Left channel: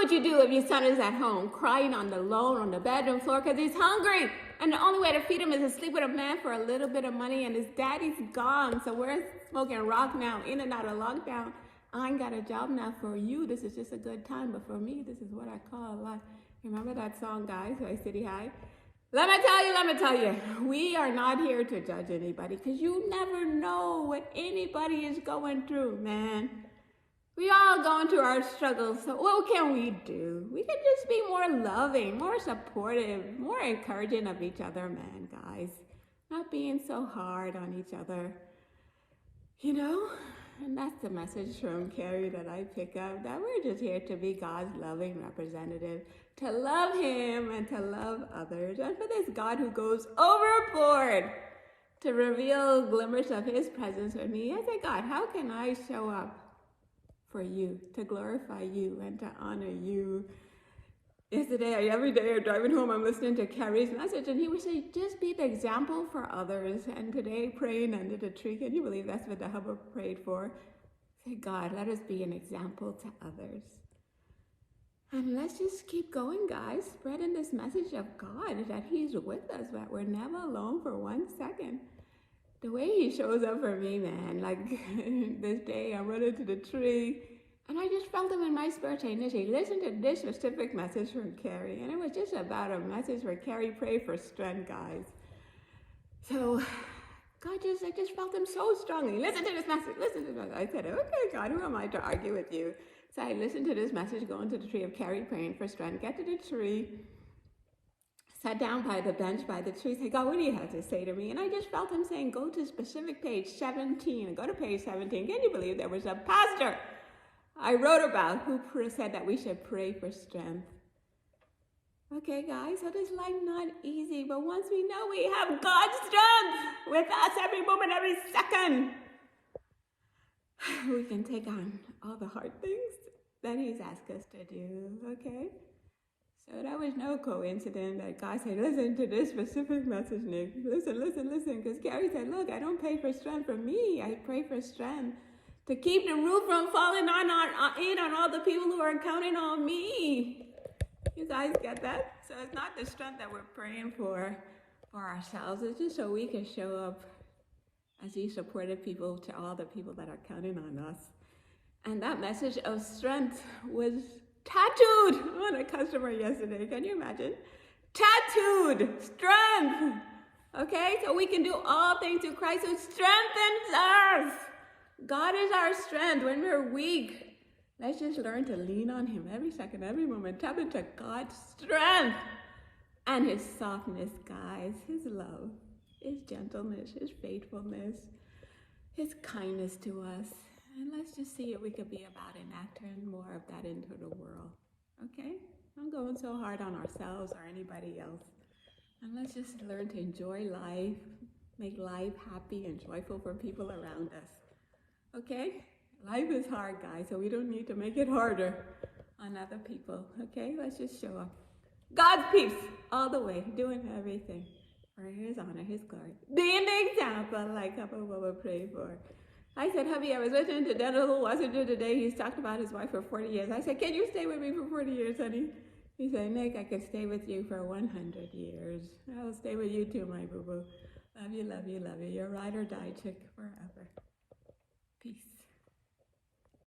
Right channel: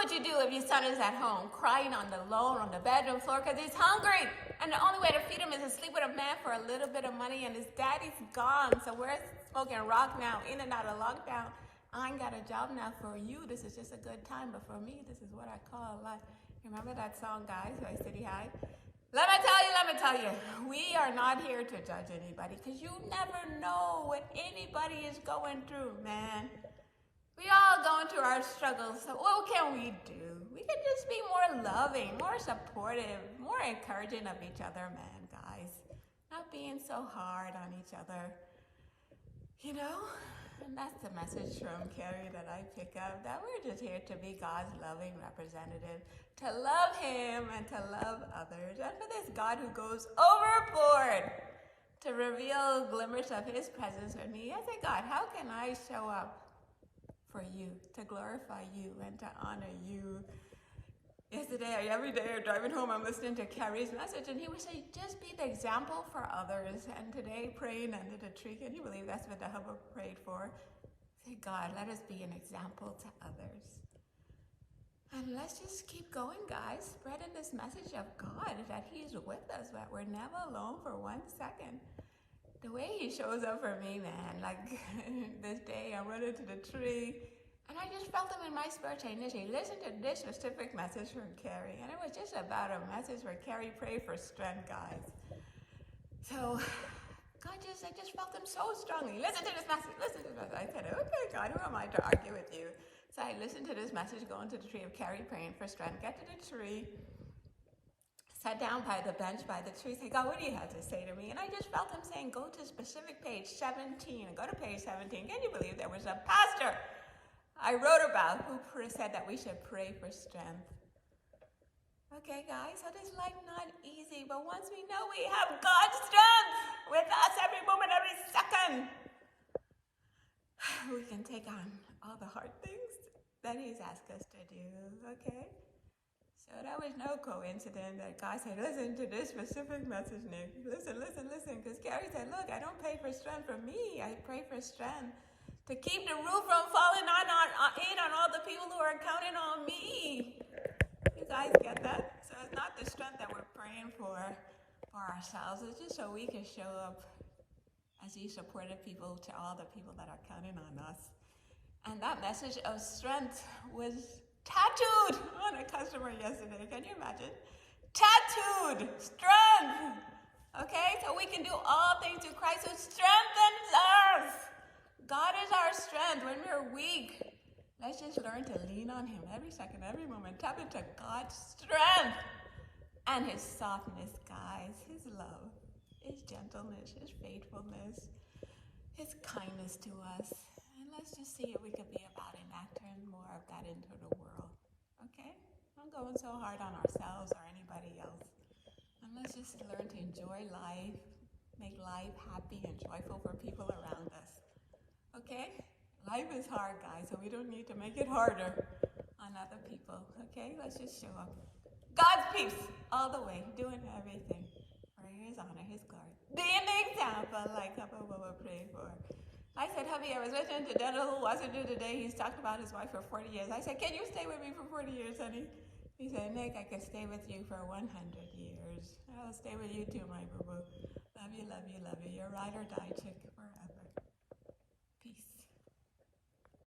would you do if your son is at home crying on the lawn, on the bedroom floor because he's hungry? And the only way to feed him is to sleep with a man for a little bit of money, and his daddy's gone. So we're smoking rock now, in and out of lockdown. I ain't got a job now. For you, this is just a good time. But for me, this is what I call life. Remember that song, guys, by City High? Let me tell you, we are not here to judge anybody because you never know what anybody is going through, man. We all going through our struggles, so what can we do? We can just be more loving, more supportive, more encouraging of each other, man, guys. Not being so hard on each other, you know? And that's the message from Carrie that I pick up, that we're just here to be God's loving representative, to love Him and to love others. And for this God who goes overboard to reveal glimmers of His presence for me, I say, God, how can I show up for you, to glorify you and to honor you? Yesterday, every day I'm driving home, I'm listening to Carrie's message, and he would say, just be the example for others. And today, praying under the tree, can you believe that's what the Hubble prayed for? Say, God, let us be an example to others. And let's just keep going, guys, spreading this message of God, that He's with us, that we're never alone for 1 second. The way He shows up for me, man, like this day, I run into the tree, and I just felt Him in my spirit saying, listen to this specific message from Carrie. And it was just about a message where Carrie prayed for strength, guys. So I just felt Him so strongly. Listen to this message, listen to this. I said, okay, God, who am I to argue with you? So I listened to this message, going to the tree of Carrie praying for strength, get to the tree, sat down by the bench by the tree, said, God, what do you have to say to me? And I just felt Him saying, go to specific page 17, and go to page 17. Can you believe there was a pastor I wrote about who said that we should pray for strength? Okay, guys, so this life not easy, but once we know we have God's strength with us every moment, every second, we can take on all the hard things that He's asked us to do, okay? So that was no coincidence that God said, listen to this specific message, Nick. Listen, because Carrie said, look, I don't pray for strength for me. I pray for strength to keep the roof from falling on all the people who are counting on me. You guys get that? So it's not the strength that we're praying for ourselves. It's just so we can show up as these supportive people to all the people that are counting on us. And that message of strength was tattooed on a customer yesterday. Can you imagine? Tattooed strength. Okay, so we can do all things through Christ who strengthens us. God is our strength when we're weak. Let's just learn to lean on Him every second, every moment. Tap into God's strength and His softness, guys. His love, His gentleness, His faithfulness, His kindness to us. And let's just see if we could be about enacting more of that into the world. Okay? Not going so hard on ourselves or anybody else. And let's just learn to enjoy life, make life happy and joyful for people around us. Okay? Life is hard, guys, so we don't need to make it harder on other people. Okay? Let's just show up. God's peace all the way, doing everything for His honor, His glory. Being the example like Papa Baba prayed for. I said, hubby, I was listening to Denzel Washington today. He's talked about his wife for 40 years. I said, can you stay with me for 40 years, honey? He said, Nick, I can stay with you for 100 years. I'll stay with you too, my boo-boo. Love you, love you, love you. You're ride or die chick forever.